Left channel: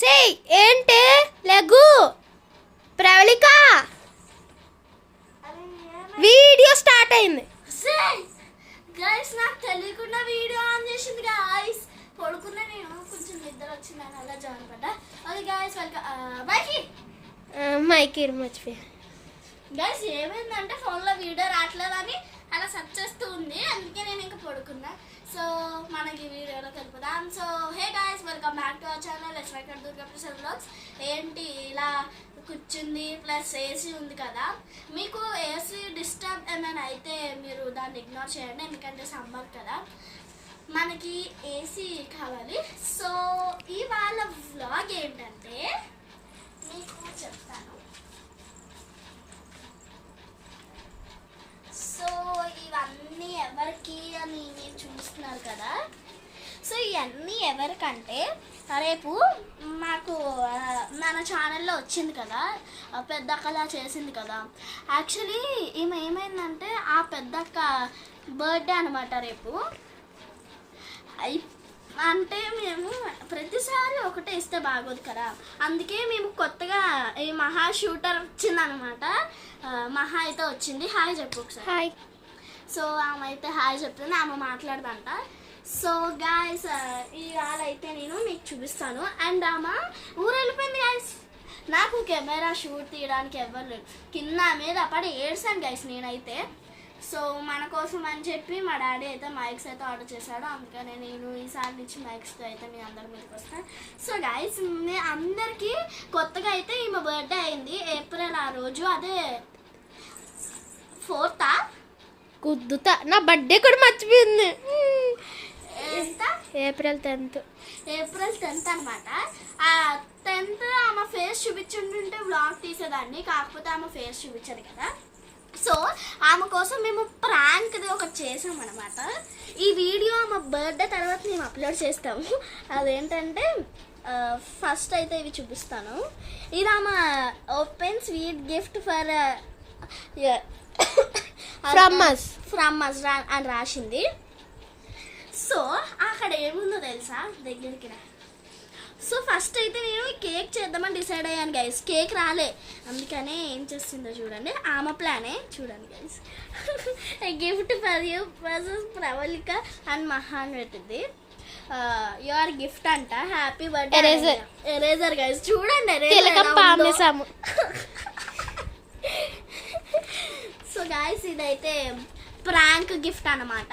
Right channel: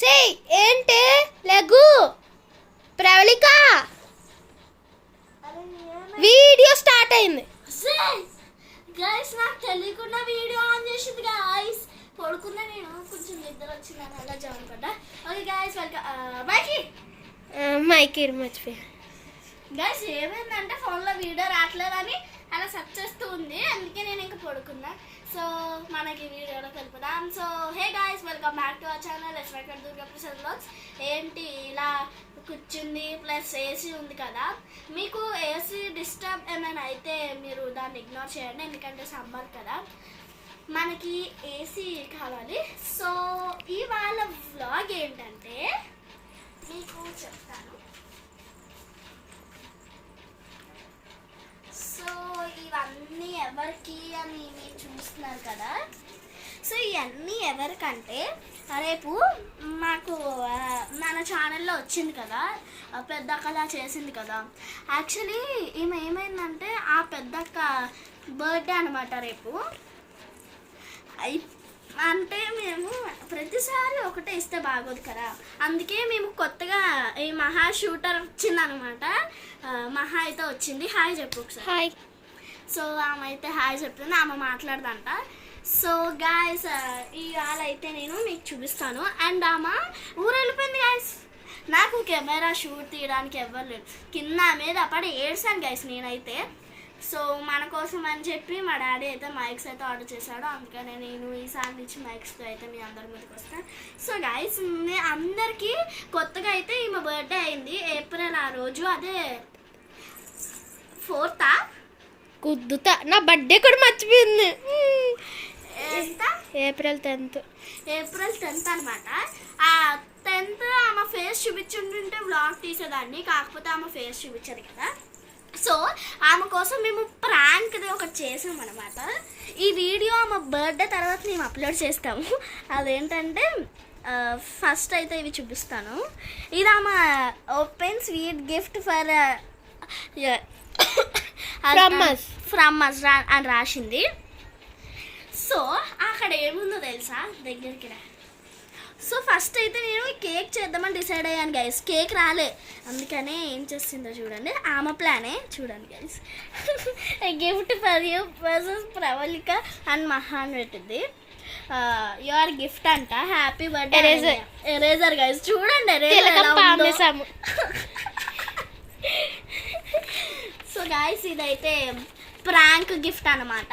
సే ఏంటి లఘు Pravalika video start అయింది. గైస్ నాకు తెలియకుండా వీడియో ఆన్ చేసింది గైస్. పడుకున్నా నేను, కొంచెం నిద్ర వచ్చిందని అలా జాయిన్ పడ్డా. ఓకే గైస్ వెల్కమ్ బాయ్కి మైకి మర్చిపోయా. గైస్ ఏమైందంటే ఫోన్లో వీడియో రావట్లేదని అలా సెర్చ్ చేస్తూ ఉంది, అందుకే నేను ఇంకా పడుకున్నా. సో మనకి వీడియోలో తెలుపుదాం. So hey guys welcome back to our channel let's make Durga Prasad vlogs. ఏంటి ఇలా కూర్చుంది, ప్లస్ ఏసీ ఉంది కదా, మీకు ఏసీ డిస్టర్బ్ ఏమైనా అయితే మీరు దాన్ని ఇగ్నోర్ చేయండి, ఎందుకంటే సమ్మర్ కదా మనకి ఏసీ కావాలి. సో ఇవాళ వ్లాగ్ ఏంటంటే మీకు చెప్తాను. సో ఇవన్నీ ఎవరికి అని మీరు చూస్తున్నారు కదా, సో ఇవన్నీ ఎవరికంటే రేపు మాకు మన ఛానల్లో వచ్చింది కదా, పెద్దక్కలా చేసింది కదా. యాక్చువల్లీ ఈమె ఏమైందంటే ఆ పెద్దక్క బర్త్డే అనమాట రేపు. అంటే మేము ప్రతిసారి ఒకటే ఇస్తే బాగోదు కదా, అందుకే మేము కొత్తగా ఈ మహా షూటర్ వచ్చిందనమాట. మహా అయితే వచ్చింది. హాయ్ చెప్పు ఒకసారి. హాయ్. సో ఆమె అయితే హాయ్ చెప్తుంది, ఆమె మాట్లాడదంట. సో గాయస్ ఇవాళ అయితే నేను మీకు చూపిస్తాను. అండ్ ఆమె ఊరు వెళ్ళిపోయింది గాయస్. నాకు కెమెరా షూట్ తీయడానికి ఎవ్వరు లేదు, కింద మీద పడి ఏడ్సాను గాయస్ నేనైతే. సో మన కోసం అని చెప్పి మా డాడీ అయితే మైక్స్ అయితే ఆర్డర్ చేశాడు, అందుకనే నేను ఈసారి నుంచి మైక్స్తో అయితే మీ అందరి ముందుకు వస్తాను. సో గైస్ అందరికీ కొత్తగా అయితే ఈమె బర్త్డే అయింది ఏప్రిల్ ఆ రోజు, అదే 4th కుద్దుతా. నా బర్త్డే కూడా మర్చిపోయింది. ఏప్రిల్ 10th అనమాట. ఆ 10th ఆమె ఫేస్ చూపించుంటుంటే వ్లాగ్ తీసేదాన్ని, కాకపోతే ఆమె ఫేస్ చూపించదు కదా. సో ఆమె కోసం మేము ప్రాంక్ది ఒకటి చేసాం అనమాట. ఈ వీడియో ఆమె బర్త్డే తర్వాత మేము అప్లోడ్ చేస్తాము. అదేంటంటే ఫస్ట్ అయితే ఇవి చూపిస్తాను. ఇది ఆమె open sweet gift for from us అని రాసింది. సో అక్కడ ఏముందో తెలుసా, దగ్గరికి రా. సో ఫస్ట్ అయితే నేను కేక్ చేద్దామని డిసైడ్ అయ్యాను గైస్. కేక్ రాలే, అందుకనే ఏం చేస్తుందో చూడండి, ఆమె ప్లానే చూడండి guys. Gift for you versus Pravalika and Maha అని పెట్టింది. యువర్ గిఫ్ట్ అంట, హ్యాపీ బర్త్డే ఎరేజర్ గైస్. చూడండి సో గైస్ ఇదైతే ప్రాంక్ గిఫ్ట్ అనమాట.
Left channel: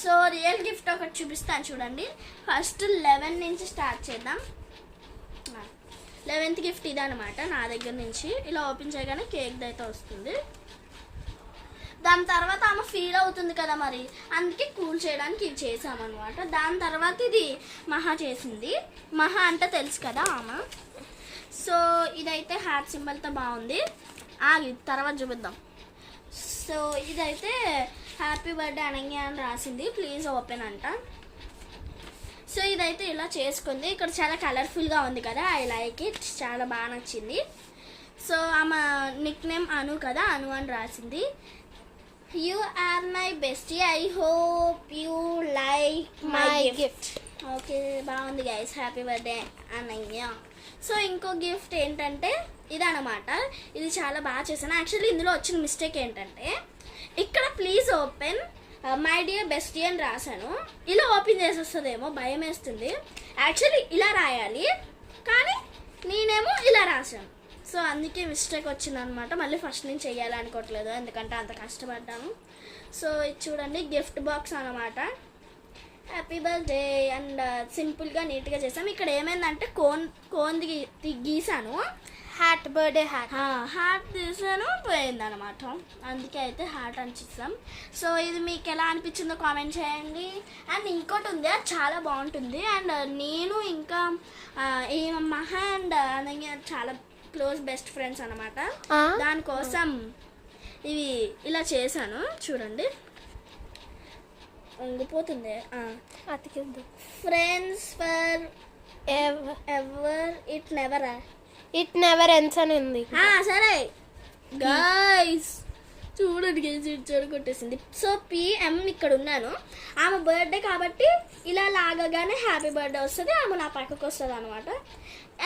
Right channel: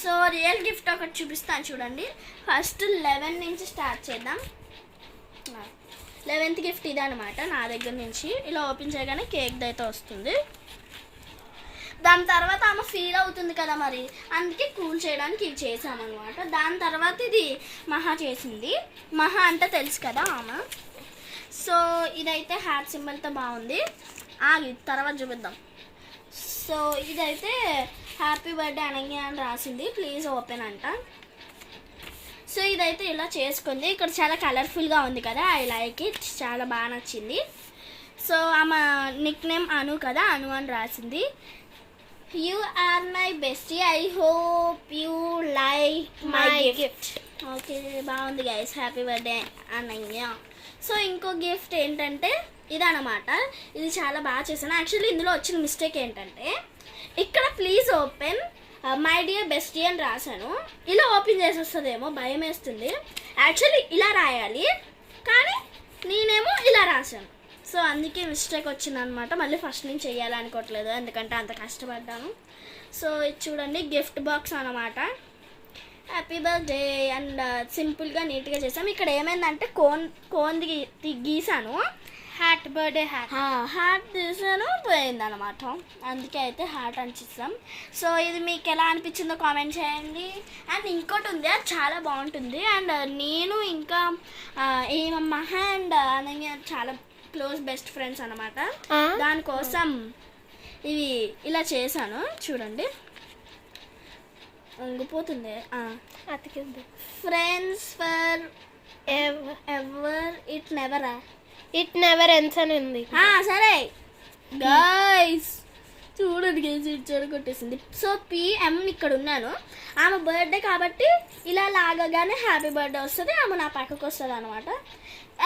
సో రియల్ గిఫ్ట్ ఒకటి చూపిస్తాను చూడండి. ఫస్ట్ 11 నుంచి స్టార్ట్ చేద్దాం. 11th గిఫ్ట్ ఇది అనమాట నా దగ్గర నుంచి. ఇలా ఓపెన్ చేయగానే కేక్ అయితే వస్తుంది. దాని తర్వాత ఆమె ఫీల్ అవుతుంది కదా మరి, అందుకే కూల్ చేయడానికి ఇది చేసామన్నమాట. దాని తర్వాత ఇది మహా చేసింది. మహా అంటే తెలుసు కదా ఆమె. సో ఇదైతే హార్ట్ సింబల్తో బాగుంది. తర్వాత చూపిద్దాం. సో ఇదైతే హ్యాపీ బర్త్డే అనగా అని రాసింది, ప్లీజ్ ఓపెన్ అంట. సో ఇదైతే ఇలా చేసుకుంది. ఇక్కడ చాలా కలర్ఫుల్గా ఉంది కదా, ఐ లైక్ ఇట్, చాలా బాగా నచ్చింది. సో ఆమె నిక్ నేమ్ అను కదా, అను అని రాసింది. You are my bestie, I hope you like my gift. Okay బాగుంది guys, happy birthday Anayya. So ఇంకో గిఫ్ట్ ఏంటంటే ఇదనమాట. ఇది చాలా బాగా చేశాను. యాక్చువల్లీ ఇందులో వచ్చిన మిస్టేక్ ఏంటంటే ఇక్కడ please open my dear bestie అని రాశాను. ఇలా ఓపెన్ చేసి వస్తుందేమో భయం వేస్తుంది. యాక్చువల్లీ ఇలా రాయాలి, కానీ నేనేమో ఇలా రాశాను. సో అందుకే మిస్టేక్ వచ్చిందనమాట. మళ్ళీ ఫస్ట్ నుంచి చెయ్యాలి అనుకోవట్లేదు, ఎందుకంటే అంత కష్టపడ్డాను. సో ఇది చూడండి, గిఫ్ట్ బాక్స్ అనమాట. హ్యాపీ బర్త్డే అండ్ సింపుల్గా నీట్గా చేసాం. ఇక్కడ ఏమైందంటే కోన్ది గీసాను, హ్యాట్ బర్త్డే హ్యాట్ తీసాను పోయిందనమాట, అందుకే అయితే హ్యాట్ అనిపిస్తాం. సో ఇది మీకు ఎలా అనిపించిందో కామెంట్ చేయండి. అండ్ ఇంకోటి ఉంది, అది చాలా బాగుంటుంది. అండ్ నేను ఇంకా ఈ మహా అండ్ అనగా చాలా క్లోజ్ బెస్ట్ ఫ్రెండ్స్ అనమాట. దానికోసం ఇవి ఇలా చేశాను చూడండి, ఉండిపోతుంది. అతికింది. Friends forever it never ends అని ఉంది. సరే గైస్ చూడండి గేసి ఇచ్చాడు కొట్టేసింది. సో పిఎం ఇక్కడ ఉన్నాను, ఆమె బర్త్డే కాబట్టి ఇలా లాగగానే హ్యాపీ బర్త్డే వస్తుంది, ఆమె నా పక్కకు వస్తుంది అనమాట.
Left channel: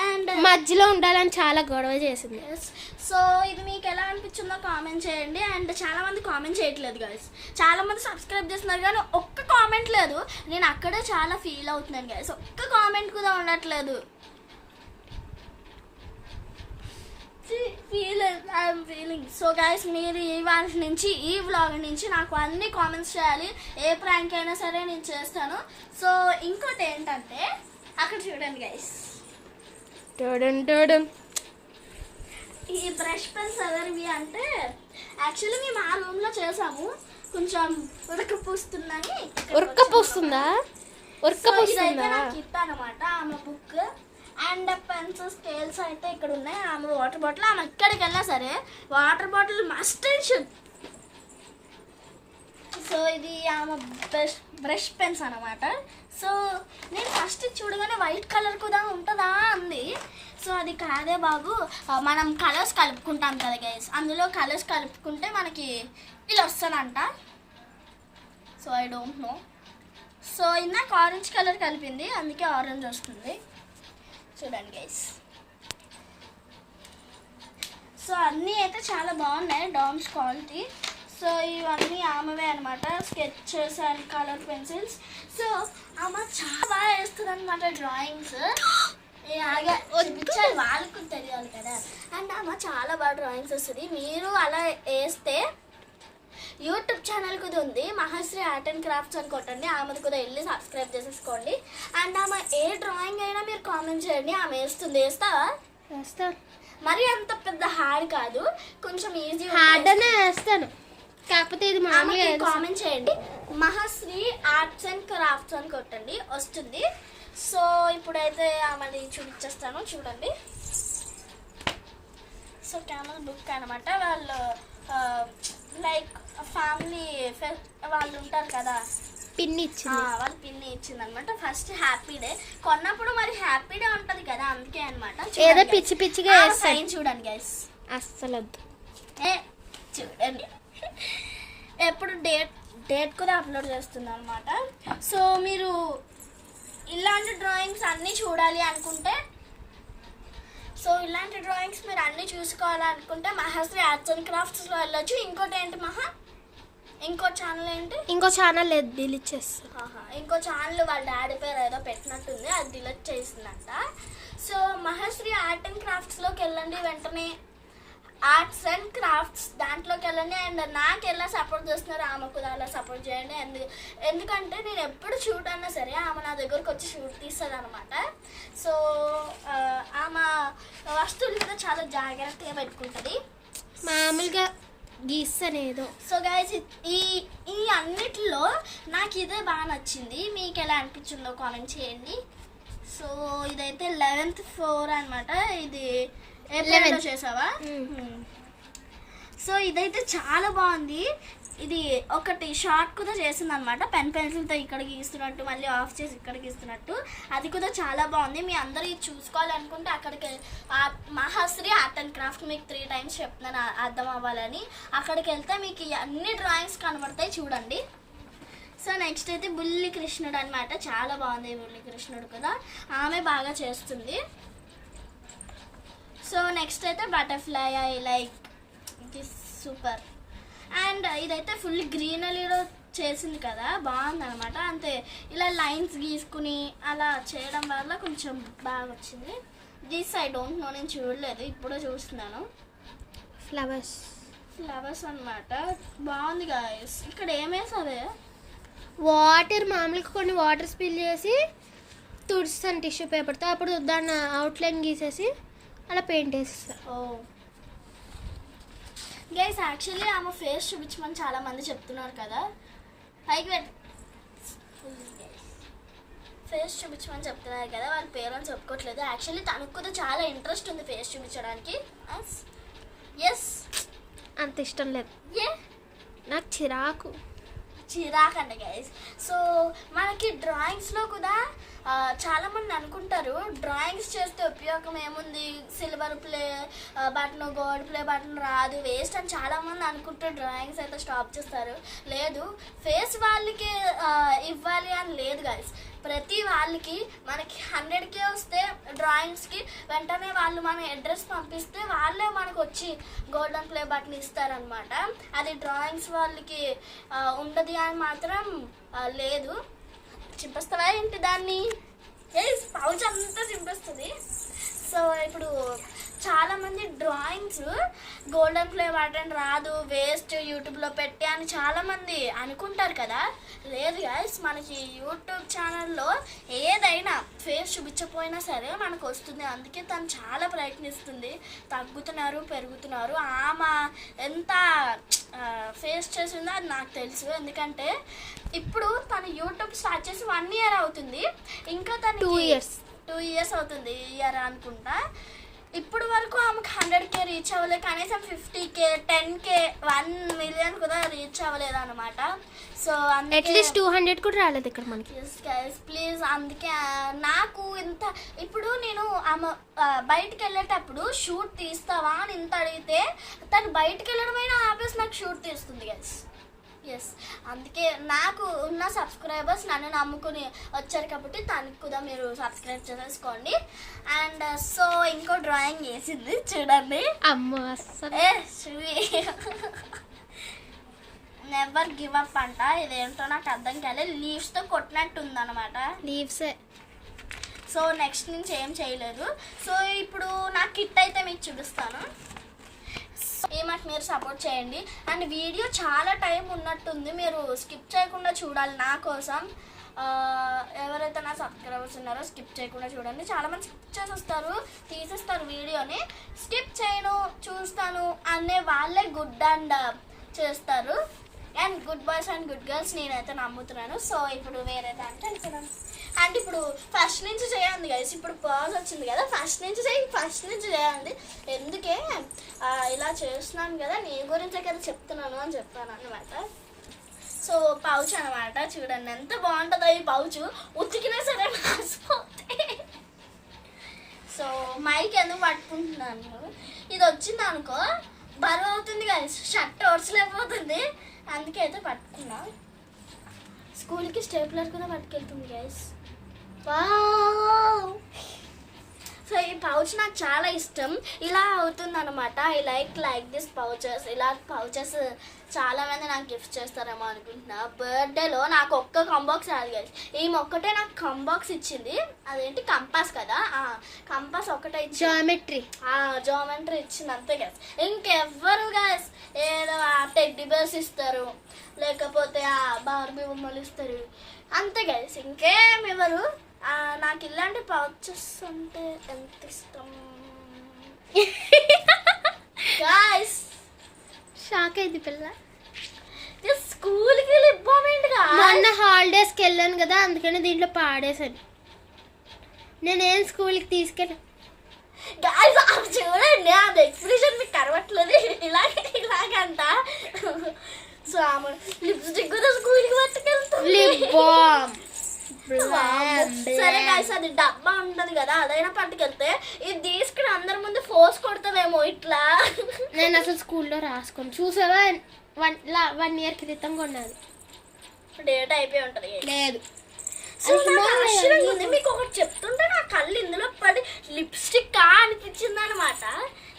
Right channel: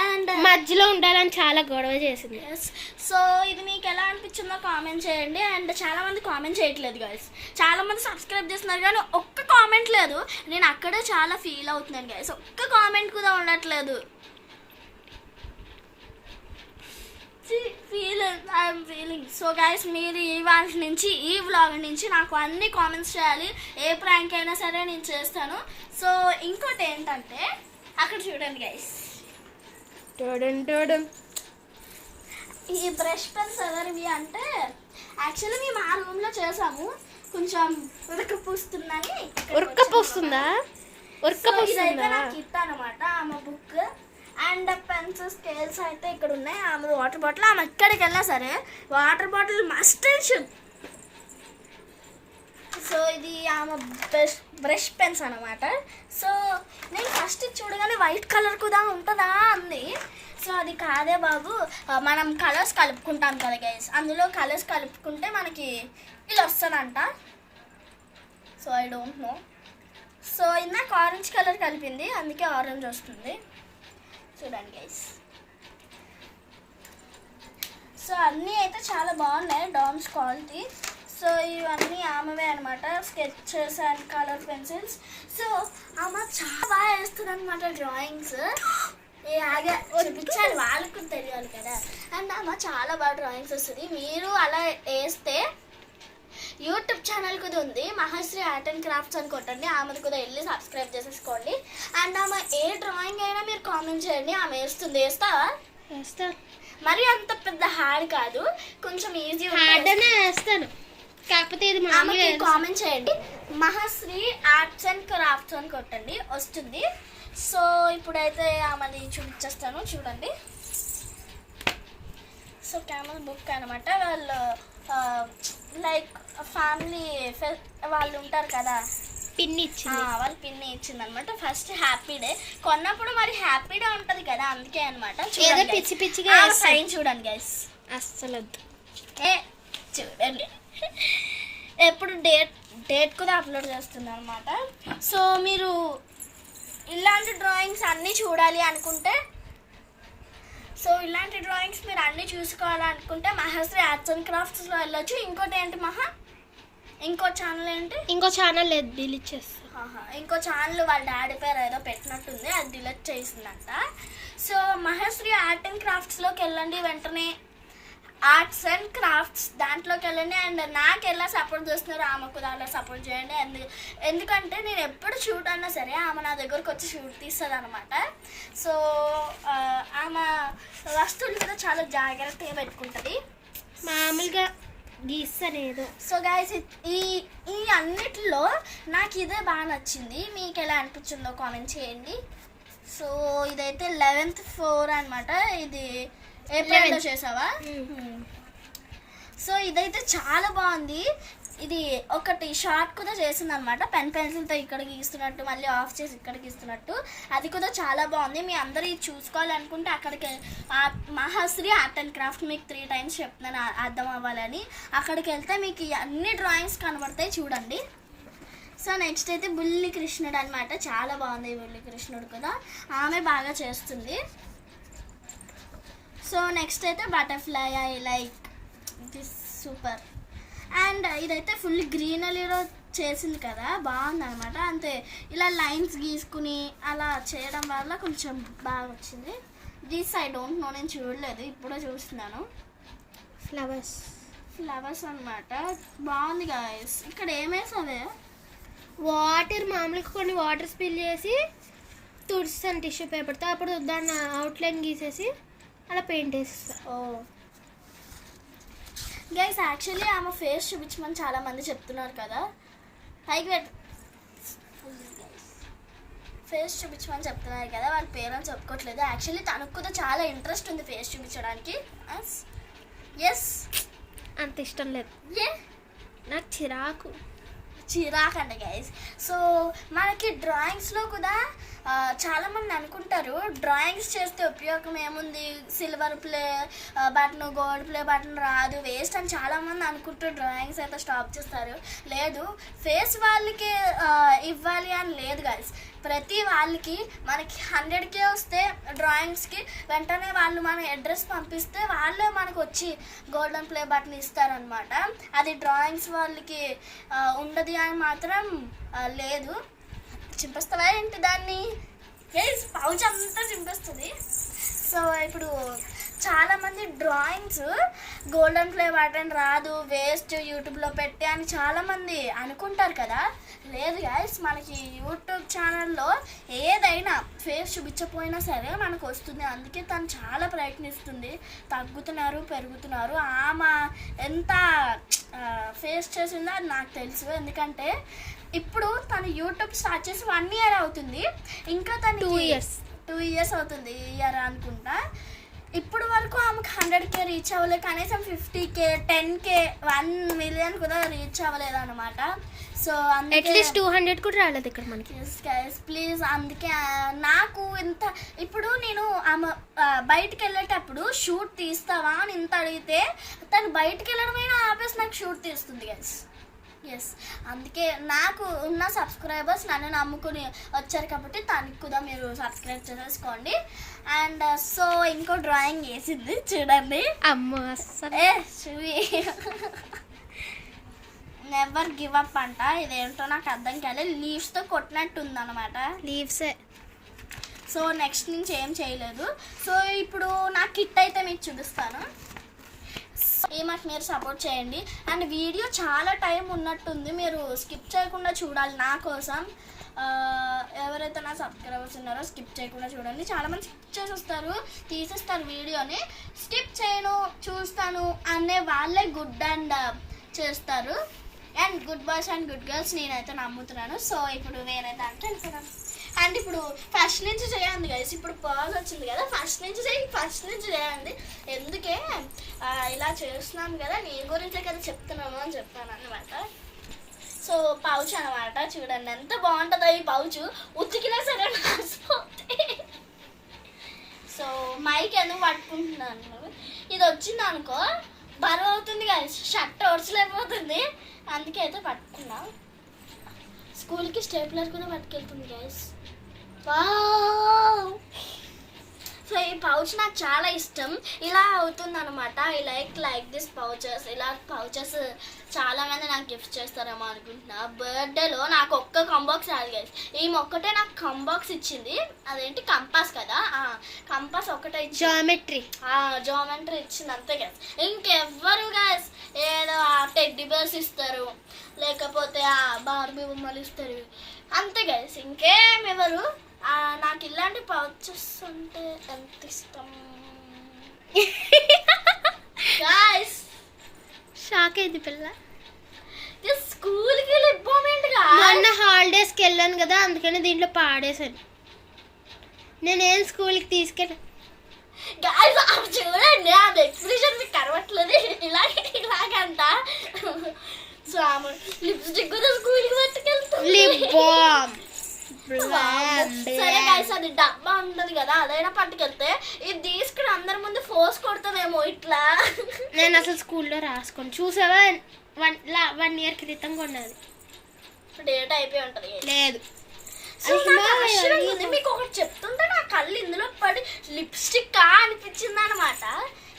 అండ్ మధ్యలో ఉండాలని చాలా గొడవ చేసింది. సో ఇది మీకు ఎలా అనిపించిందో కామెంట్ చేయండి. అండ్ చాలా మంది కామెంట్ చేయట్లేదు గైస్, చాలా మంది సబ్స్క్రైబ్ చేస్తున్నారు కానీ ఒక్క కామెంట్ లేదు. నేను అక్కడే చాలా ఫీల్ అవుతున్నాను గైస్, ఒక్క కామెంట్ కూడా ఉండట్లేదు. I'm feeling. సో గైస్ మీరు ఇవాళ నుంచి ఈ వ్లాగ్ నుంచి నాకు అన్ని కామెంట్స్ చేయాలి, ఏ ప్రాంక్ అయినా సరే నేను చేస్తాను. సో ఇంకోటి ఏంటంటే అక్కడ చూడండి గైస్, ఈ బ్రష్ పెన్స్ ఎవరివి అంటే యాక్చువల్లీ మేము ఆ రూమ్లో చేసాము, కొంచెం ఉడకపోస్తుందని. ఉరకపోస్తుందా? ఇదైతే నాకు ఇస్తా అనమాట ఆమె బుక్. అండ్ పెన్స్ స్కేల్స్ అయితే ఇక్కడ ఉన్నాయి, ఆమె వాటర్ బాటిల్. ఆమె ఎక్కడికి వెళ్ళినా సరే water bottle must and should. So ఇది ఆమె బ్రష్ పెన్స్ అనమాట. సో నేను ఫస్ట్ చూడగానే వైట్ కలర్ కూడా ఉంటుందా అంది. సో అది కాదే బాబు, మనం కలర్స్ కలుపుకుంటాం కదా గైస్, అందులో కలర్స్ కలుపుకుంటే మనకి ఇలా వస్తుందంట. So I don't know. So ఇందాక ఆరెంజ్ కలర్ కలిపింది, అందుకే ఆరెంజ్ వస్తుంది. చూడండి గైస్. సో అన్నీ అయితే చాలా బాగున్నాయి, డామ్స్ క్వాలిటీ. సో ఇవన్నీ ఆమెవే అనమాట, sketches and colour pencils. So ఆమె చాలా బాగా వేస్తుంది అనమాట డ్రాయింగ్స్. చూపించాలి, వాళ్ళకు తెలియాలి కదా. అండ్ ఆమె చాలా బాగా డ్రాయింగ్స్ వస్తుంది. మీరు అలా వేస్తే యూట్యూబ్ ఛానల్ కూడా ఉంది, మహాశ్రీ ఆర్ట్ అండ్ క్రాఫ్ట్స్ అని కొట్టండి, ఆమెది కూడా వెళ్ళి సబ్స్క్రైబ్ చేసేసుకోండి. అండ్ ఆమె ఏ డ్రాయింగ్ అయినా మీరు కామెంట్ చేయండి, ఆమె వేస్తుంది. వేస్తావా? వేస్తా. మరి అంత పెద్ద హార్డ్ కాదు, కొంచెం ఈజీ హార్డ్ అనే వేస్తాను, కాకపోతే ఇది మామూలుగా కామెంట్ చేయండి. మహాశ్రీ ఆర్ట్స్ అండ్ క్రాఫ్ట్స్ అని కొట్టండి, వస్తుంది. సో ఇప్పుడైతే ఆమెది చూపించేస్తాను, చూడండి. సో క్యామల్ బుక్ అనమాట, వాళ్ళు లైక్ ఫ్యామిలీ వాళ్ళు ఉంటారు కదా, పిన్ని ఇచ్చింది, వాళ్ళు పిన్ని ఇచ్చింది అనమాట. ఫస్ట్ హ్యాపీ డే కొన్నప్పుడు మరి హ్యాపీ డే ఉంటుంది కదా, అందుకే అనమాట. ఏదో పిచ్చి పిచ్చిగా సైన్ చూడండి గైస్, అస్సలు చూడండి. ఎప్పుడు డేట్ కూడా అప్లోడ్ చేస్తున్నాను అనమాట. సో మీరు ఇలాంటి డ్రాయింగ్స్ అన్నీ చూడాలి అనుకుంటే, సో ఇలాంటి డ్రాయింగ్స్ మీరు అన్నీ చూసుకోవాలనుకుంటే మహాశ్రీ ఆర్ట్స్ అండ్ క్రాఫ్ట్స్లో వెళ్ళొచ్చు. ఇంకోటి ఏంటి మహా, ఇంకో ఛానల్ ఏంటి? ఇంకో ఛానల్ లేదు, డిలీట్ చేస్తా. ఇంకో ఛానల్ వాళ్ళ డాడీ పేరు ఏదో పెట్టినట్టుంది, అది డిలీట్ చేసిందంట. సో మహాశ్రీ ఆర్ట్ అండ్ క్రాఫ్ట్స్లోకి వెళ్ళండి, వెంటనే ఆర్ట్స్ అండ్ క్రాఫ్ట్స్ దాంట్లోకి వెళ్ళండి. అండ్ నాకు ఎలా సపోర్ట్ చేస్తున్నారు ఆమెకు కూడా అలా సపోర్ట్ చేయండి. ఎందుకంటే నేను ఎప్పుడు షూట్ అన్నా సరే ఆమె నా దగ్గరకు వచ్చి షూట్ తీస్తుంది అనమాట. సో ఆమె వస్తువులు కూడా చాలా జాగ్రత్తగా పెట్టుకుంటుంది, మామూలుగా గీస్తానేదో. సో గైస్ ఈ అన్నిటిలో నాకు ఇదే బాగా నచ్చింది, మీకు ఎలా అనిపించిందో కామెంట్ చేయండి. సో ఇదైతే 11th floor అనమాట, ఇది ఏప్రిల్లో చేసావా? సో ఇదైతే చాలా బాగుంది. ఇది ఒకటి షార్ట్ కూడా చేసింది అనమాట, పెన్సిల్తో ఇక్కడ గీస్తున్నట్టు, మళ్ళీ ఆఫ్ చేసి ఇక్కడ గీస్తున్నట్టు, అది కూడా చాలా బాగుంది. మీ అందరూ ఇది చూసుకోవాలనుకుంటే అక్కడికి మహాశ్రీ ఆర్ట్ అండ్ క్రాఫ్ట్ మీకు 3 times చెప్తున్నాను అర్థం అవ్వాలని, అక్కడికి వెళ్తే మీకు అన్ని డ్రాయింగ్స్ కనబడతాయి, చూడండి. సో నెక్స్ట్ అయితే బుల్లి కృష్ణుడు అనమాట, చాలా బాగుంది బుల్లి కృష్ణుడు కూడా, ఆమె బాగా చేస్తుంది. సో నెక్స్ట్ అయితే butterfly, I like this, super. And ఇదైతే ఫుల్ గ్రీనరీలో చేసింది కదా, బాగుంది అనమాట. అంతే ఇలా లైన్స్ గీసుకుని అలా చేయడం వల్ల కొంచెం బాగా వచ్చింది. దిస్ ఐ డోంట్ నో, నేను చూడలేదు, ఇప్పుడే చూస్తున్నాను. ఫ్లవర్స్ అనమాట, బాగుంది గాయస్. ఇక్కడ ఏమేసావే? వాటర్, మామూలుగా కొన్ని వాటర్ స్పిల్ చేసి తుడుస్తాను టిష్యూ పేపర్తో, అప్పుడు దాన్ని అవుట్లైన్ గీసేసి అలా పెయింట్ వేస్తా. ఓ గైస్, యాక్చువల్లీ ఆమె ఫేస్ చూపించమని చాలా మంది చెప్తున్నారు కదా, పైకి ఫేస్ చూపించమని చెప్తున్నారు కదా, వాళ్ళ పేరెంట్స్ చెప్పుకోవట్లేదు. యాక్చువల్లీ తనకు కూడా చాలా ఇంట్రెస్ట్ ఉంది ఫేస్ చూపించడానికి. ఎస్, అంత ఇష్టం లేదు, నాకు చిరాకు అండి గైస్. సో మనకి డ్రాయింగ్స్లో కూడా చాలా మంది అనుకుంటారు డ్రాయింగ్స్ చేస్తే ఉపయోగం ఏముంది, silver play button gold play button రాదు వేస్ట్ అని చాలా మంది అనుకుంటారు. డ్రాయింగ్స్ అయితే స్టాప్ చేస్తారు. లేదు, ఫేస్ వాళ్ళకి ఇవ్వాలి అని లేదు గైస్. ప్రతి వాళ్ళకి మనకి 100K వస్తే డ్రాయింగ్స్కి వెంటనే వాళ్ళు మన అడ్రస్ పంపిస్తే వాళ్ళే మనకు వచ్చి గోల్డెన్ ప్లే బటన్ ఇస్తారనమాట. అది డ్రాయింగ్స్ వాళ్ళకి ఉండదు అని మాత్రం లేదు. చింపేస్తావా ఏంటి దాన్ని? పౌచ్ అంతా చింపేస్తుంది. సో ఇప్పుడు చాలామంది డ్రాయింగ్స్ గోల్డెన్ ప్లే బటన్ రాదు వేస్ట్ యూట్యూబ్లో పెట్టి అని చాలామంది అనుకుంటారు కదా. లేదు గైస్, మనకి యూట్యూబ్ ఛానల్లో ఏదైనా ఫేస్ చూపించకపోయినా సరే మనకు వస్తుంది. అందుకే తను చాలా ప్రయత్నిస్తుంది. తగ్గుతున్నారు, పెరుగుతున్నారు. ఆమె ఎంత ఫేస్ చేసిందో అది నాకు తెలుసు. ఎందుకంటే ఇప్పుడు తను యూట్యూబ్ స్టార్ట్ చేసి 1 year అవుతుంది. ఇంకా తను 2 years అవుతుంది ఈ ఇయర్ అనుకుంటా. ఇప్పుడు వరకు ఆమెకు 100K రీచ్ అవ్వలేదు. కనీసం 50K 10K 1 million కూడా రీచ్ అవ్వలేదు అనమాట. సో అట్లీస్ట్ 200 కూడా రాలేదు ఇక్కడ మనకి. ప్లీజ్, అందుకే నాకు ఇంత ఇప్పుడు నేను ఆమె బయటకు వెళ్ళేటప్పుడు షూట్ తీస్తావా అని ఇంత అడిగితే తను బయటకు వెళ్ళడమైనా ఆపేసి నాకు షూట్ తీస్తుంది గైస్. అందుకే నాకు ఉన్న సబ్స్క్రైబర్స్ నన్ను నమ్ముకుని వచ్చారు కాబట్టి తనకి కూడా మీరు సబ్స్క్రైబ్ చేసేసుకోండి. అండ్ సో ఇంకో డ్రాయింగ్ వేసింది చూడండి. అమ్మో నెవర్ గివ్ అప్ అంట. ఇదేంటో నాకు అర్థం కాలేదు. లీవ్స్తో కొట్టినట్టు ఉందన్నమాట. లీవ్సే. సో నెక్స్ట్ నుంచి ఏం చేయలేదు. సో ఇప్పుడు నా కిట్ అయితే మీకు చూపిస్తాను. మాకు మీరు సపోర్ట్ చేయండి. అండ్ వీడియో చాలా టైం ఉన్నట్టుంది, మీరు స్కిప్ చేయకుండా చూడాలి నా కోసం. ఎవరైతే నా సబ్స్క్రైబర్స్ ఉన్నారో స్కిప్ చేయకుండా చూడండి. చాలామంది స్కిప్ చేసేస్తారు, తీసేస్తారు వీడియోని. స్కిప్ చేయను, చూస్తాను అనే వాళ్ళే గుడ్ అండ్ చేస్తారు. And good boys and good girls నేనైతే నమ్ముతున్నాను. సో ఇప్పుడు వేరే దాంట్లో వెళ్తున్నాను. అండ్ ఇప్పుడు ఫస్ట్ నుంచి చేయండి గైస్. ఇప్పుడు పాజ్ వచ్చింది కదా, ఫస్ట్ నుంచి చేయండి. ఎందుకే ఇలా చేస్తున్నాను కదా, నీ గురించే కదా చెప్తున్నాను అని చెప్పాను అనమాట. సో పౌచ్ అనమాట, చూడండి ఎంత బాగుంటుందో ఈ పౌచ్. ఉతికినా సరే మాసిపోతే. సో మైక్ ఎందుకు పట్టుకుంటున్నాను, ఇది వచ్చింది అనుకో బరువు అవుతుంది గైస్, షర్ట్ ఓడ్చలేకపోతుంది. అందుకే అయితే పట్టుకున్నా. స్కూల్కి స్టేప్లర్ కూడా పట్టుకెళ్తుంది గైస్. సో ఈ పౌచ్ నాకు చాలా ఇష్టం. ఇలా అవుతుంది అనమాట. I like this pouches. ఇలా పౌచెస్ చాలా మంది నాకు గిఫ్ట్ చేస్తారేమో అనుకుంటున్నా. బర్త్డేలో నాకు ఒక్క కంబాక్స్ రాదు గైస్. ఈమె ఒక్కటే నాకు కంబాక్స్ ఇచ్చింది. అదేంటి కంపాస్ కదా, కంపాస్ ఒకటే ఇచ్చింది. జామెట్రీ ఇచ్చింది అంతే గైస్. ఇంకెవ్వరు గైస్ ఏదో టెడ్డీ బేర్స్ ఇస్తారు, లేకపోతే బార్బీ బొమ్మలు ఇస్తారు అంతే గైస్. ఇంకేం ఎవరు. నాకు ఇలాంటి పౌచెస్ అంటే ఎంత ఇష్టం గాయ్స్. షాక్ అయింది పిల్ల. స్కూల్కి లిప్ బామ్ ఏంటిగా, మొన్న హాలిడేస్కి వెళ్ళాను కదా, అందుకని దీంట్లో పాడేశాను. నేనేం స్కూల్కి తీసుకెళ్ళా గాయ్స్. చూడండి అది ఎక్స్ప్రెషన్ మీకు కరవట్లేదు. ఇలాగంట. సో లిప్స్టిక్ కూడా స్కూల్కి పట్టుకెళ్తాం. లిప్ బామ్ సరే గైస్, అది డబ్బా ఉంటది కదా, అదైనా పట్టుకెళ్తే ఇది తీసుకుని అందరి ముందు ఫోర్స్ కొడతామేమో ఇట్లా. నేను అసలు స్కూల్లో రాసుకొని చూసావా, 1 year క్రితం కొన్నది. డేట్ అయిపోయి ఉంటది. లేదు, మీకు ఒకటి చెప్తుంటే నా కళ్ళు ఇందులో పడి లిప్స్టిక్ అనిపించింది అనమాట.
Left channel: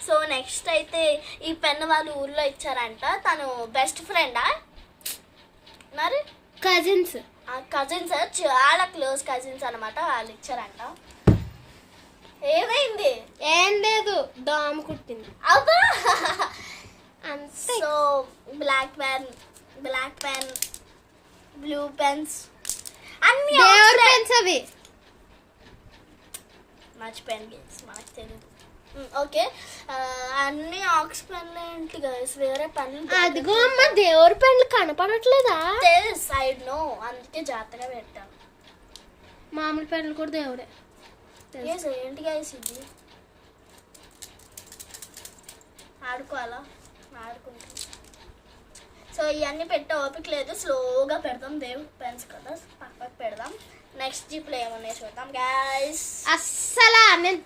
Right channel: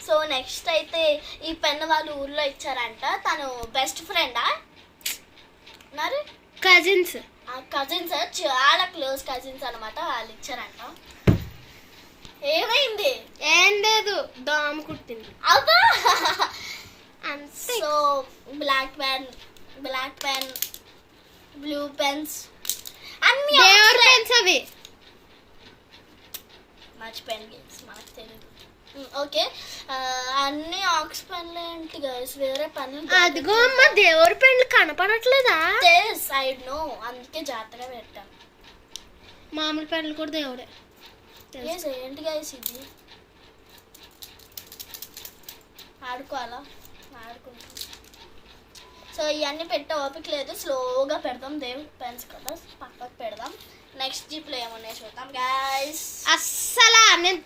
సో నెక్స్ట్ అయితే ఈ పెన్ వాళ్ళు ఊర్లో ఇచ్చారంట. తను బెస్ట్ ఫ్రెండా మరి కజిన్స్ చాలా క్లోజ్ కజిన్స్ అనమాట. వాళ్ళు ఇచ్చారంట. ఏమైంది? ఏం లేదు, దోమ కుట్టింది. అవుతా. అంతే. So black pen, blue pens అన్ని పెన్స్ అవి మర్చిపోయాను గేమ్స్, మనకు తెలియదు. ఓకే, అన్ని ఆక్స్ పెన్లు ఏంటి గైస్, వేరే పెన్లు. అదిగో అమ్మ, దేవుడి పెన్లు కనపడట్లేదా? సైడ్ నో, అందుకే జాగ్రత్తగా పెట్టాం. మామూలు పెన్లు కూడా దేవుడే. ఏంటి గైస్ ఇది? ఆడుకోవాలా? ఆడుకుంటాం. సో ఇవన్నీ పెట్టే ఓపిక లేదు, స్లోగా పెడదాం. దేవుడి పెన్స్ కదా, పక్కకు పెడదాం. నెక్స్ట్ జిప్లో ఏమున్నాయి చూద్దాం గైస్. అస్సలా నేను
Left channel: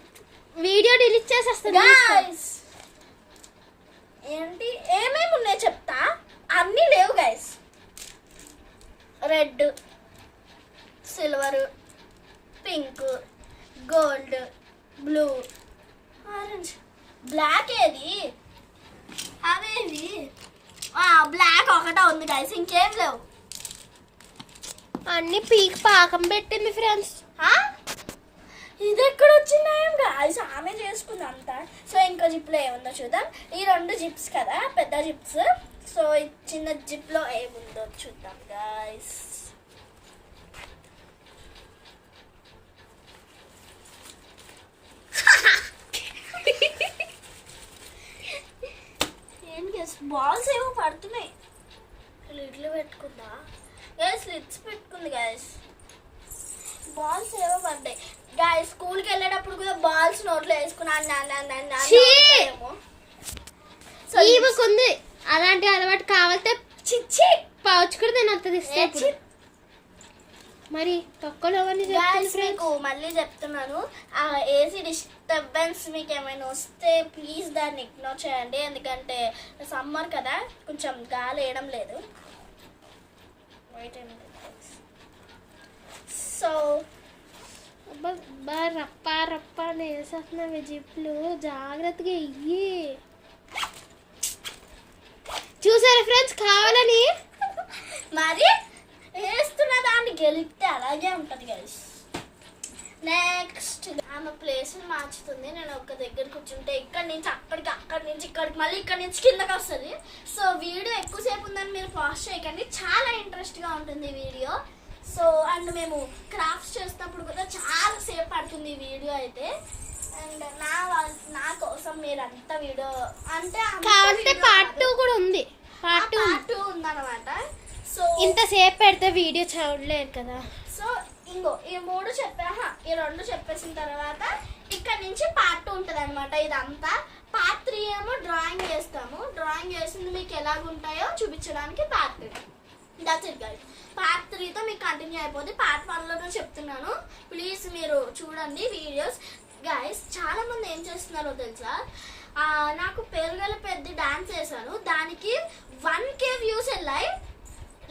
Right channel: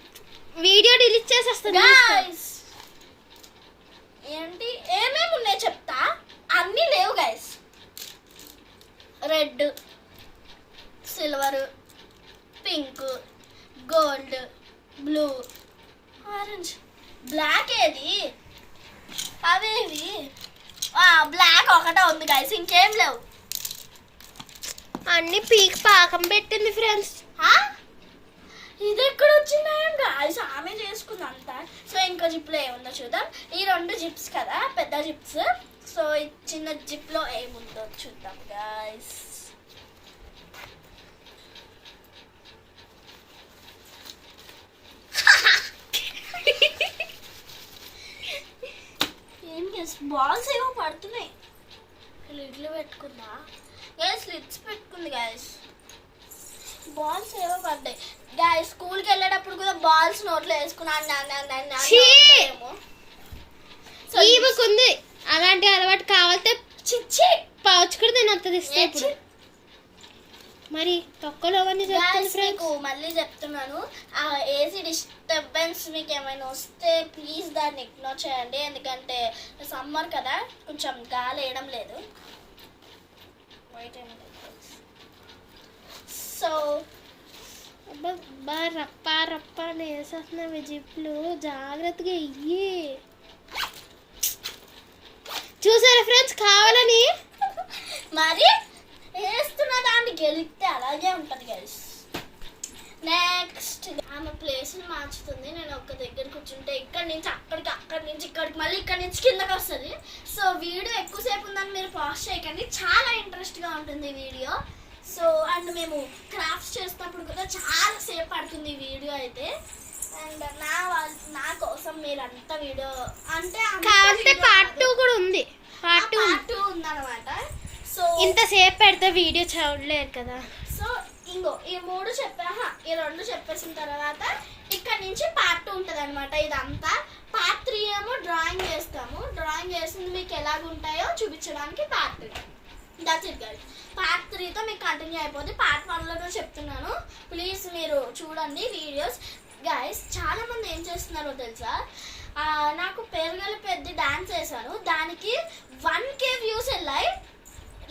వీడియో డిలీట్ చేసేస్తాను గైస్ ఏంటి ఏమేమి ఉన్నాయో చెప్తా. అన్నీ లేవు guys. Red, silver, pink, gold, blue, orange, black ఏది అవేవి బ్లాక్ ఒకటే ఉంది గైస్, ఇంకేం లేవు. అన్ని పీక్ పాకం పెట్టింది ఫ్రెండ్స్. ఇది ఎక్కడ వచ్చినాయం గాయస్, ఆమె చేసుకుంది అంతా. సో ఇంకో జిప్లో ఏముందో చూద్దాం. ఈ 2 జిప్స్ కదా పెద్ద జిప్స్. సో ఈ చిన్న జిప్లో ఏముందో చూద్దాం గాయస్. ఏం గైస్ బాల్స్ ఏమో పడుతున్నాయి. లిడ్లు పెట్టుకుందా గైస్, లిడ్స్ పెట్టుకుంది గైస్. బాల్స్ ఏవో పడ్డాయి గాయస్. స్కూల్కి వెళ్ళేటప్పుడు కూడా బాల్స్ నోట్లో వేసుకున్నాను. సో ఈమెకుంది అలాంటి అలవాటు. కావాలంటే చిచ్చి పౌచ్ కూడా నేను అంత తీస్తే మరి తొక్కలో మీకు మళ్ళీ చెప్తున్నాను, ఆ ఏసీ డిస్టర్బెన్స్ మీకు ఏమైనా వస్తే ప్లీజ్ దాన్ని ఇగ్నోర్ చేయండి. ఎందుకంటే సమ్మర్ కదా, కొంచెం గాలి వేయడం లేదు. సో రప్ప రప్ప వేసేస్తున్నావు జిప్లు, జాగ్రత్తగా ఇయ్యి. చూసారా ఫ్రెండ్స్, కావాలని మరి వేస్తున్న దాన్ని గెలిస్తే అలాగే ఉంటుంది గైస్. నెక్స్ట్ ఆమె ప్లేస్ని మార్చుతుంది. నేను ఒక దగ్గర కూర్చుంటే ఇక్కడి నుంచి అక్కడికి, అక్కడి నుంచి ఇక్కడికి, మళ్ళీ ఇక్కడి నుంచి కిందకి వస్తుంది. సో వీడియో ఎక్కువసేపు ఉందని మీరు పాజ్ చేయకండి, చాలా ఇంట్రెస్ట్గా ఉంటుంది వీడియో. సో అండ్ మేము క్రాఫ్ట్స్ చేసినప్పుడు కూడా చాలా సేపు పడుతుంది ఈ వీడియో అయితే. అండ్ నా కోసం మీరు అంత వీడియో అంటే పార్ట్ 2 కూడా ఉంది. పార్ట్ 2 ఉందన్నమాట. సో ఇంతసేపు పెడితే వీడియో చూడలేరు కదా. సో ఇంకో ఈ 3 ఈ 2 చెప్పేసిన తర్వాత ఇక్కడ నుంచి పార్ట్ 2 ఉంటుంది అనమాట. ఇదంతా పార్ట్ 3 ఏమో డ్రాయింగ్ చేస్తాము. డ్రాయింగ్ చేసింది మీకు ఎలాగుంటాయో చూపించడానికి part 3. That's it guys. Part 3తో మీకు కంటిన్యూ అయిపోద్ది. పార్ట్ 1లో చెప్తున్నాను, ప్లీజ్ మీరు చూడండి వీడియోస్. గైస్ చాలా మంది ఏం చేస్తున్నారో తెలుసా, నాకు పెరుగల పెద్ద డాన్స్ వేసాను, దానికి 1K వ్యూస్ వెళ్ళాయి,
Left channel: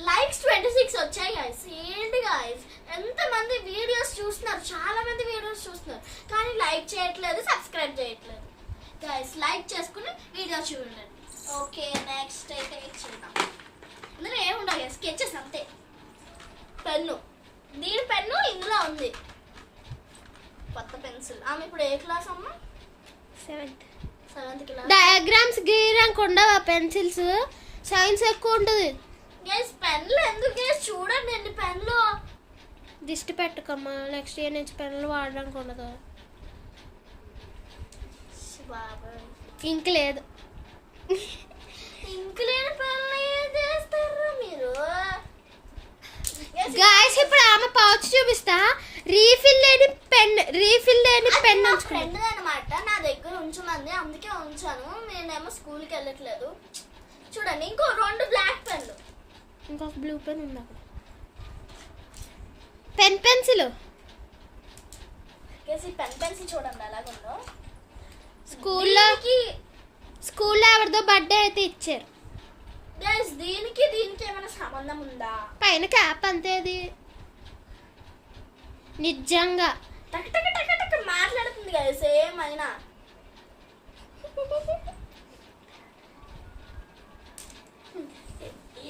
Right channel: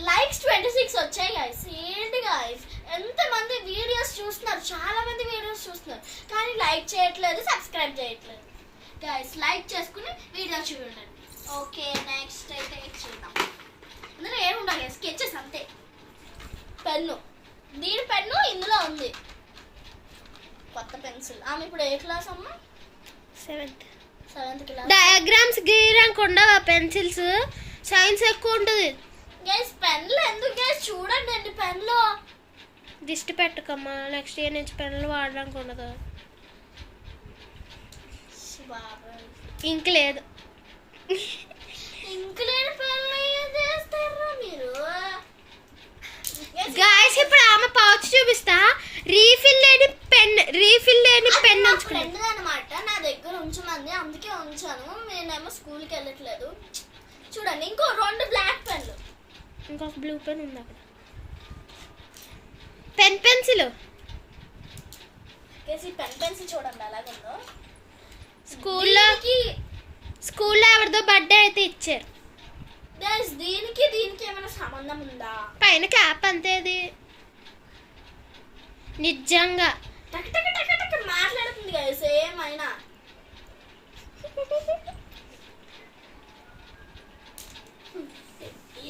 లైక్స్ 26 వచ్చాయి గైస్. ఏంటి గైస్, ఎంతమంది వీడియోస్ చూస్తున్నారు, చాలా మంది వీడియోస్ చూస్తున్నారు, కానీ లైక్ చేయట్లేదు, సబ్స్క్రైబ్ చేయట్లేదు. గైస్ లైక్ చేసుకుని వీడియో చూడండి. ఓకే నెక్స్ట్ అయితే చూద్దాం. అందులో ఏముండవు గైస్, స్కెచెస్ అంతే. పెన్ను, దీని పెన్ను ఇందులో ఉంది, కొత్త పెన్సిల్. ఆమె ఇప్పుడు ఏ క్లాస్ అమ్మా? 7th class. డయాగ్రామ్స్ గీయడానికి ఉండవా పెన్సిల్స్? సైన్స్ ఎక్కువ ఉంటుంది గైస్. పెన్లు ఎందుకు గైస్, చూడండి అండి పెన్లో. దిష్టి పెట్టుకమ్మా, నెక్స్ట్ ఇయర్ నుంచి పెన్నులు వాడడానికి ఉండదు. ఇంక్ లేదు. ఇంక్ లేని పెన్లు ఏం చేస్తారా మీరు గాయస్? ఇప్పుడు ఆమె పౌచ్ చూపిస్తా. రీఫిల్ లేని పెన్ ఫ్రెండ్ అనమాట, నా దగ్గర ఉంచమంది, అందుకే ఉంచాను. నేనేమో స్కూల్కి వెళ్ళట్లేదు. చూడండి ఇంకో 2 బ్లాక్ పెన్లు, ఇంకొక బ్లూ పెన్ ఉంది అక్కడ. పెన్సిల్ పెన్సిల్ చూడండి ఎలాగుందో. స్కూల్లో ఎవరిదో బర్త్డే అయితే ఇచ్చారు. దీనికి ఏమైనా సంబంధం ఉందా? పైన క్యాప్ అంతే. అది నిజంగా మాట్లాడుతుంది కదా సేమ్ అయినా.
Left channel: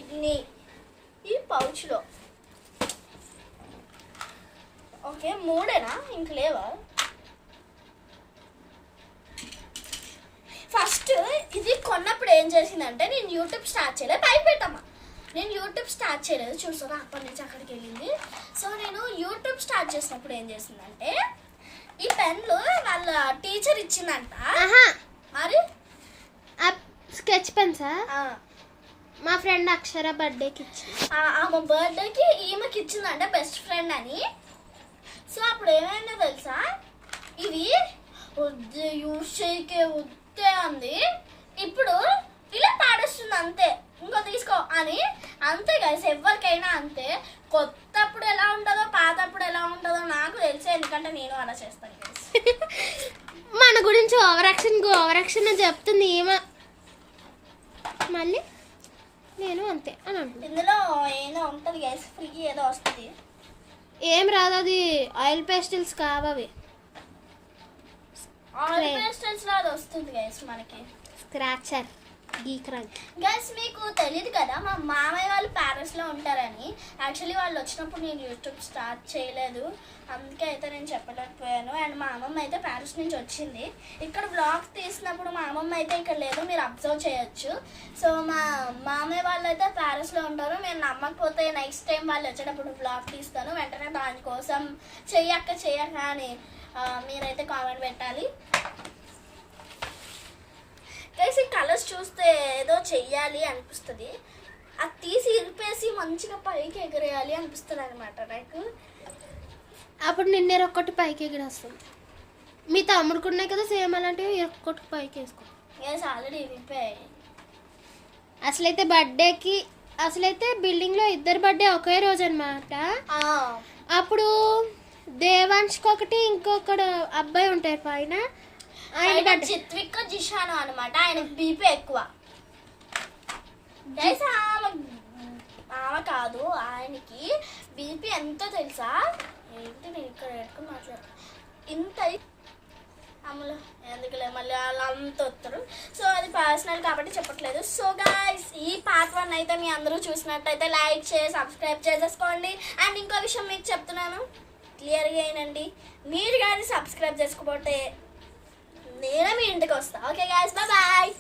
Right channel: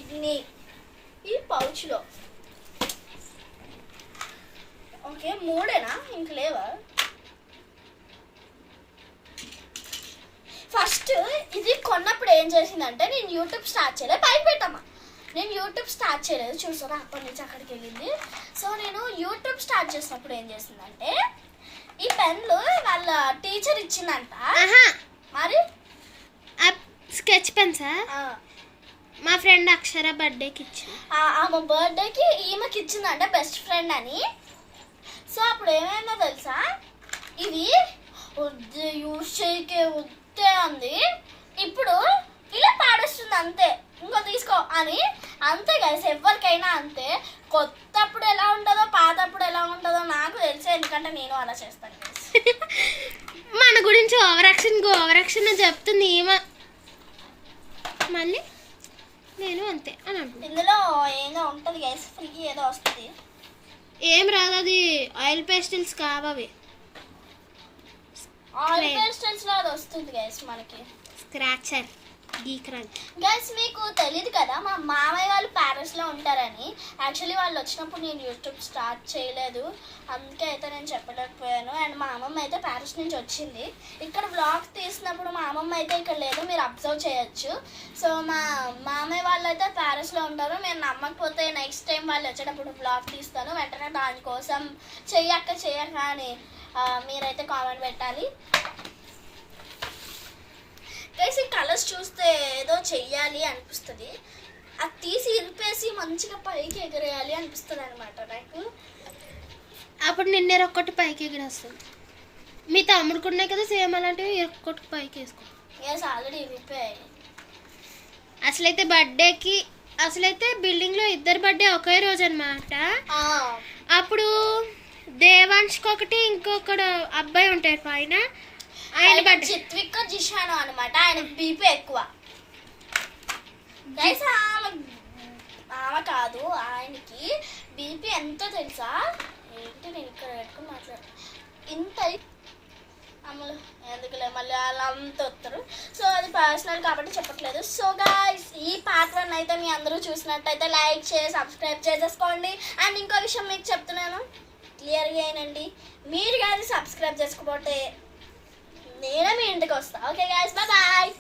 ఇది ఈ పౌచ్లో ఓకే 3 ఇంక లేవా? ఫస్ట్ ఇది కొన్నప్పుడు ఏం చేసిందంటే, నేను యూట్యూబ్ స్టార్ట్ చేయలేదు, భయపెట్టమ్మా, నేను యూట్యూబ్ స్టార్ట్ చేయలేదు చూసారా, అప్పటి నుంచి అక్కడికి వెళ్ళింది. సో నేను యూట్యూబ్ స్టార్ట్ చేసినప్పుడు ఏం చేసిందంటే, ఈ పెన్లు వాళ్ళ టీచర్ ఇచ్చిందంట. మరి స్కెచ్ పెన్సా? మా ఫ్రెండ్ అక్షర బర్త్డేకి ఇచ్చింది. ఆమె బర్త్డేకి ఈమెకి ఇచ్చిందంట, బెస్ట్ ఫ్రెండ్ అని. సో అప్పుడు ఏమైందో తెలుసా, ఇది యూజ్ చేయకే వద్దే అంది, ఇప్పుడు ఇలా పాడేస్తుంది అంతే, ఇంకో తీసుకో అని. అంతే గైస్, ఎవరికైనా అంతే. కొత్త అప్పుడు ఎలా ఉంటుందో పాత అప్పుడు ఎలా ఉంటుందో నాకు తెలిసే, ఎందుకంటే నేను అలా చేస్తాను guys. మన గురించి ఓవర్ యాక్షన్ చెప్తుంది ఏమో, మళ్ళీ నేను అంతే అని అంటుంది. ఇందులో ఏదో ఉంటుంది గైస్, ఫ్రీ ఏదో వస్తుంది. ఏం రాదు, అది ఆయిల్ పేస్టిల్స్ కావవి, ఆయిల్ పేస్టల్స్ లో అది వస్తుంది గైస్ మనకి. స్క్రాచర్ గీక్రాంచ్. గైస్ మీకు తెలియదు కదా, మా మామయ్య వాళ్ళు ప్యారిస్లో ఉంటారని. యాక్చువల్లీ వాళ్ళు వచ్చినప్పుడు నేను యూట్యూబ్ స్టార్ట్ చేయలేదు, అందుకే అయితే నేను చెప్పలేకపోయాను. అండ్ మా అమ్మమ్మ అయితే ప్యారిస్ నుంచి వచ్చింది. ఇక్కడ వ్లాగ్ తీసినప్పుడు మా అమ్మమ్మ అయితే ఇక్కడ లేదు, మీరు అబ్జర్వ్ చేయొచ్చు. సో మా మామయ్య వాళ్ళు అయితే ప్యారిస్లో ఉంటారు. నేను నమ్మకపోతే నెక్స్ట్ టైం వాళ్ళు వచ్చేటప్పుడు వ్లాగ్ తీస్తాను, వెంటనే దానికోసం చెయ్యక్క అని మీరైతే కామెంట్ పెట్టాలి. గైస్ ఈ కలర్స్ చూస్తే ఏదో చెయ్యాలి అనిపిస్తుంది, అది తీసి ఇరిపేసి మంచిగా పైకి ఎగరేయాలి అనిపిస్తుంది అనమాట నాకు. అప్పుడు నిన్నే ఒక్కటి పైకి ఎగిరేస్తుంది. మీ తమ్ముడికి ఉన్నాయి కదా సేమ్ అలాంటివి, ఒక్కటి పైకి వేసుకో. గైస్ ఆల్రెడీ ఇరిపోయాయి. అసలైతే బిల్డింగ్లో ఇద్దరు బర్త్డే ఒకే రోజు అనమాట. అప్పుడు దేవాంష్కి ఒకటి, ఇంకొకడు అబ్బాయి ఉంటాడు పైన, ఆయన చిత్విక్ జిషాను అనమాట. ఆయన బీపీ ఎక్కువ. ఆమె కాదు, ఆయనకి బీపీ ఎంతో తెలుసా? ఏంటి నేను ఇక్కడ పెట్టుకుని మాట్లాడు ఇంత అమలు ఎందుకులే, మళ్ళీ అలా అంత వస్తారు. సో అది పర్సనల్ కాబట్టి చెప్పట్లేదు. సో గాయ్స్ ఈ పార్ట్ 1 అయితే మీ అందరూ చూసినట్టయితే లైక్ చేసి సబ్స్క్రైబ్ చేసేసుకోండి. అండ్ ఇంకో విషయం మీకు చెప్తున్నాను, క్లియర్గా అయినండి, మీరు కానీ సబ్స్క్రైబ్ చేసుకోకపోతే నేనే మీ ఇంటికి వస్తా. Okay guys, bye.